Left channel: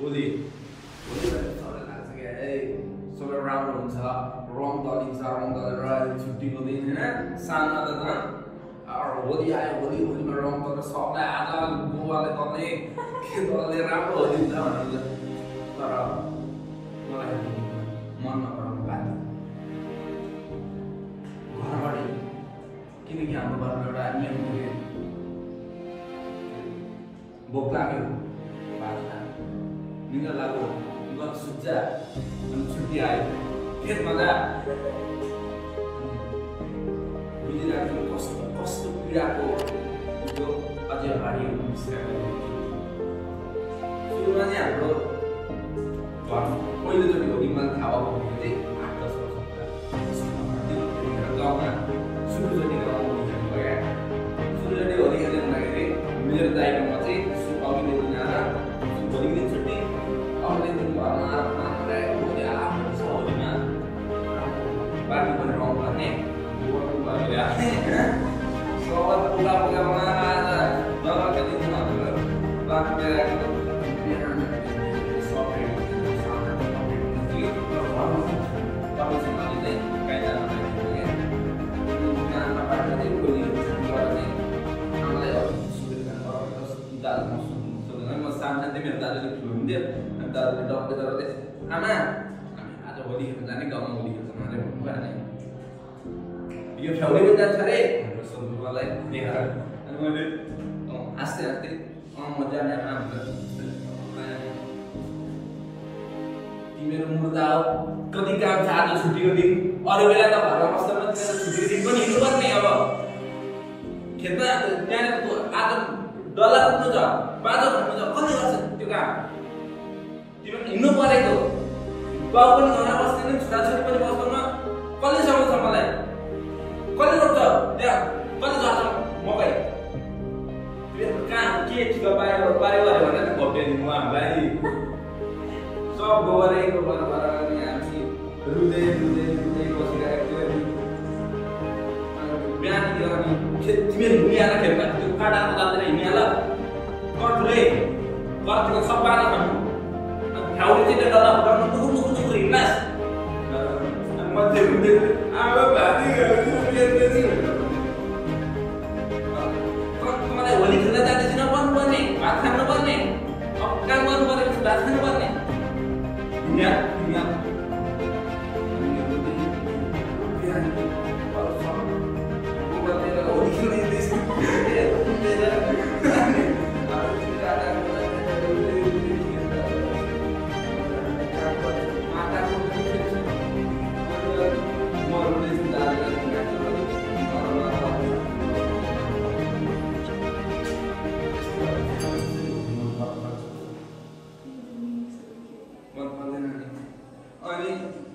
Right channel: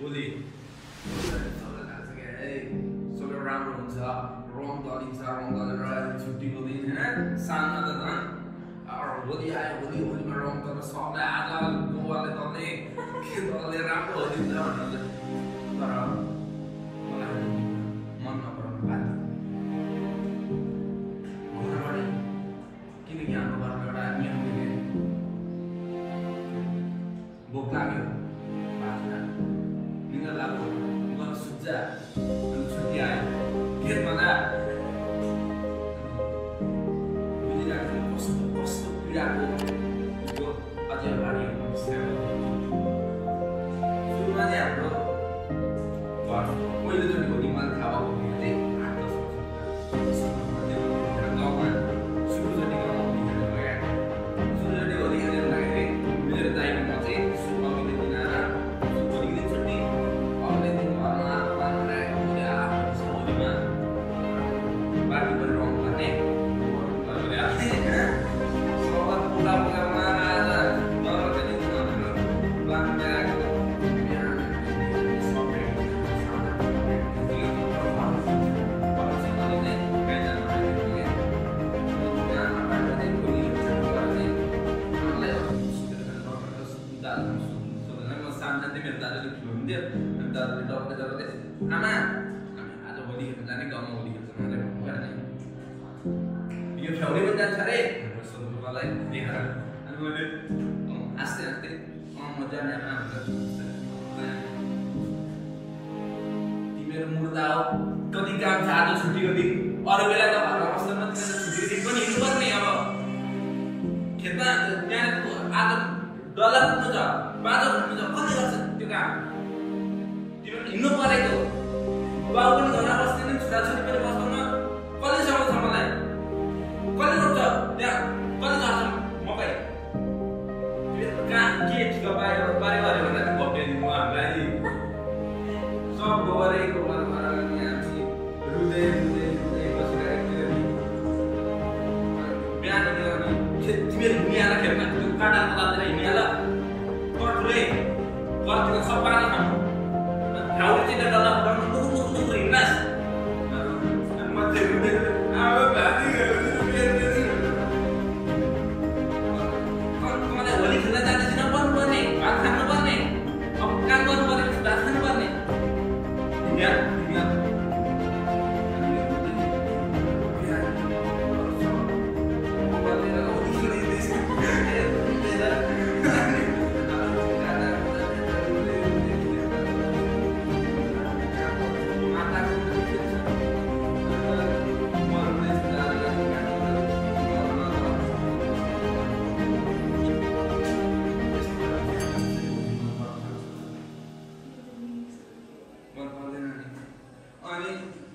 होली होली भनेर सबैलाई थाहा छ क्या सबै राम्रो हुन्छ रङ दलिन्छ रङ दलेर छुट्टीको दिन होइन सानो त होली आयो होलीमा रङ दलेर सबलाई आज गोवाले दल्ने के दल्ने राम्रो होली हुन्छ भनेर तर मलाई मन नपराउनु बाध्य घरबाट किनकि हाम्रो घरमा एउटा नियम थियो भोक लाग्यो भात खान निन्द्रा लाग्यो गएर सुत्छ अनि छुट्टी आयो खेतमा जा बुझिरहेको थिएँ कस्तो कस्तो पीडाको त्यो अझै अगाडि सुरुमा चाहिँ हाम्रो घर पहिलोचोटि होली मैले थाहा भएको चाहिँ 8-10 वर्ष गाउँमा सुरुचोटि गाउँमा होली खेल्नु गयो सुरुचोटि होली खेल्नु जाँदाखेरि मेरो दाइकोमा चाहिँ अघिल्लो दिन आएर भोलिको दिन छुट्टी अघिल्लो दिन घरमा आएर मात्र होली आएको होलीमा बाटी पनि रङ गर्ने सबै पोका पोकामा डर खेलिदिनु भनेर बाटी ल्याएको मेरो दाजुले ठुलो हुन्थ्यो अनि दाजुले डक्टर दाजुले आमा हामी आज होली खेल्न जाने गाउँमा होली खेल्छ भनेर भन्नुभयो अनि यो फ्याउले पनि जान्छ अरे भनेर सोध्नु मलाई देखाएर अनि मैले हाँस्दै हाँस्दै म जाने आमा भनेर तिमीहरू मुर्दा हो कति काम छ आज छुट्टीको दिन अरू बेला त घरमा बस्दैन तिमीहरू छुट्टीको दिन पनि हिँड्नुपर्ने अब खेतमा त्यहाँ आज डल्ला कुद्नु छ बाँधो खट्नु छ कसले गर्छ त्यो काम तिमीहरू हिँड्नु परेको बाउ पनि घरमा बस्दैन छोराछोरी पनि बस्दैन कसले समाउँछ मलाई कसले रोप्छ त्यहाँ कसले गर्छ मकै तिमीहरू कहाँ के ठिका पायो अरे भनेर भट्याइदिनु हामीलाई सब गोबरै गोबर भएर अनि हामी रुँदै रुँदै रुँदै बसिरहेको थियो बिहान अनि तिमीहरू हिँडिहाल खेतमा त्यो काँटाको तातेर हिँडिहाल कटुले कटुको सबै खानु ठाउँले चाहिँ डल्ला फुटाउनु नुकुर नुकुर नुकुर हिँड्नास् अनि मध्ये रुँदै आयो भाती मलाई होली खेल्न जाँदैछ नपर्नुपर्ने भात खानुपर्ने अब काम गर्नुपर्ने भात खानुपर्ने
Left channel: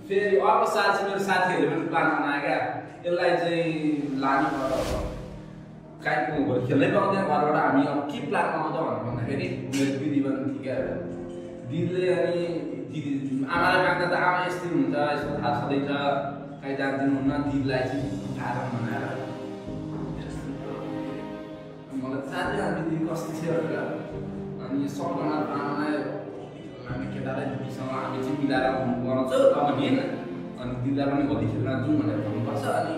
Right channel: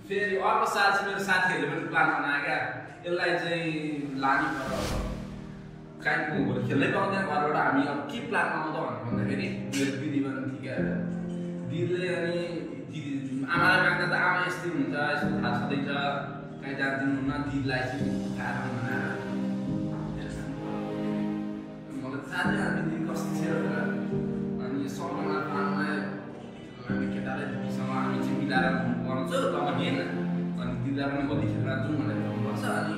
फेरि अर्को साल चाहिँ मेरो साथीहरूले पनि प्लान बनायो क्या यसलाई चाहिँ लाने पर्छ काहीँको भोलि खेल्नै पाउँदैन घरबाट हामी अब के प्लान बनाउँछ भनेर भन्दाखेरि मेरो दिदी पनि थियो क्या दिदीले अनि दिदी आमालाई माग्दा त आमा यस्तै हुन्छ यस्तो थाहा छँदैछ कहीँ जाँदिनुहुन्न दिदीलाई चाहिँ खाएर बनाएर मलाई जाने हामी दिदी कस्तो थियो अनि सबजना आमालाई हामी केटालाई दिदीसँग हामी चाहिँ मिलाएर बनाउँछौँ तब हिँड अनि दिदीलाई पनि होली खेल्न जाउँ भनेर भन्नुपर्छ अनि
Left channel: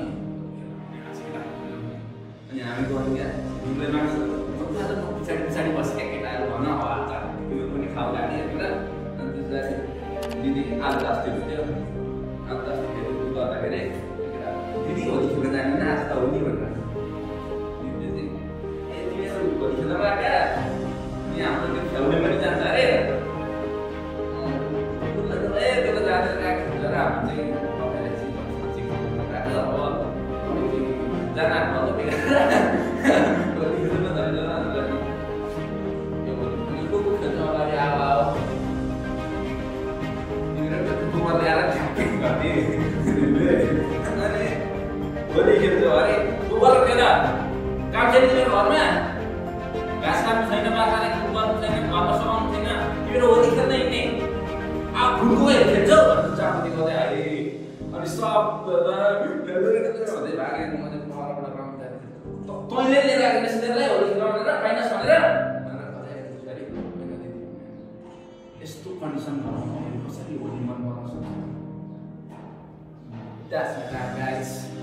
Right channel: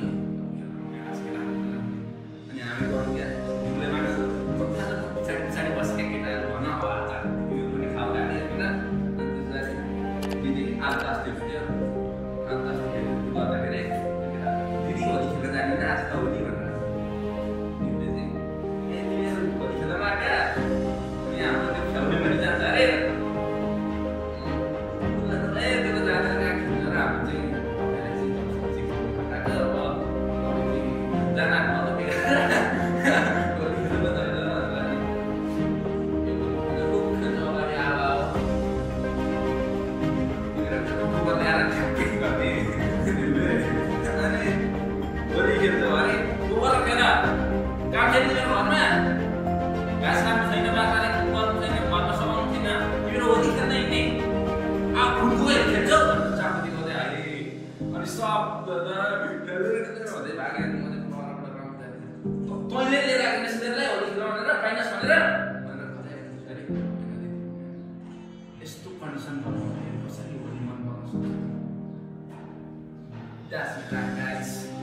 हामी गऱ्यौँ क्या दिदीले माग्छ पछाडि पछाडि बसेका केटाहरू भन अब आज यो पनि खाउ गाडी होइन अनि त्यसलाई दिदी आलु तास्दै थियो आलु तास्दै गर्दाखेरि दिदी होली खेल्न जाने आज त होली भनेर दिदीले चाहिँ ए तिमीहरू होली खेल्न माग्या अनि हाम्रो त्यो फ्याउले पनि जान्छ अरे होली खेल्छ अरे गोबर खेल काम छैन तिम्रो घरमा घाँस काट्नु छैन बाख्राले गर्नु छैन घरमा समाउनु छैन तिम्रो होली खेल्न हिँड्ने खुड्को खेल्छौ भनेर चापती गर्दै हाले अनि सब भन्दै भागे मैले परबाट काम तैँले लिएर आएको यसलाई होली खेल्न भनेर पाइनस् भनेर यस्तो कन्डिसन भएर कसरी होली मन पराउन सक्छ? That's my time, guys.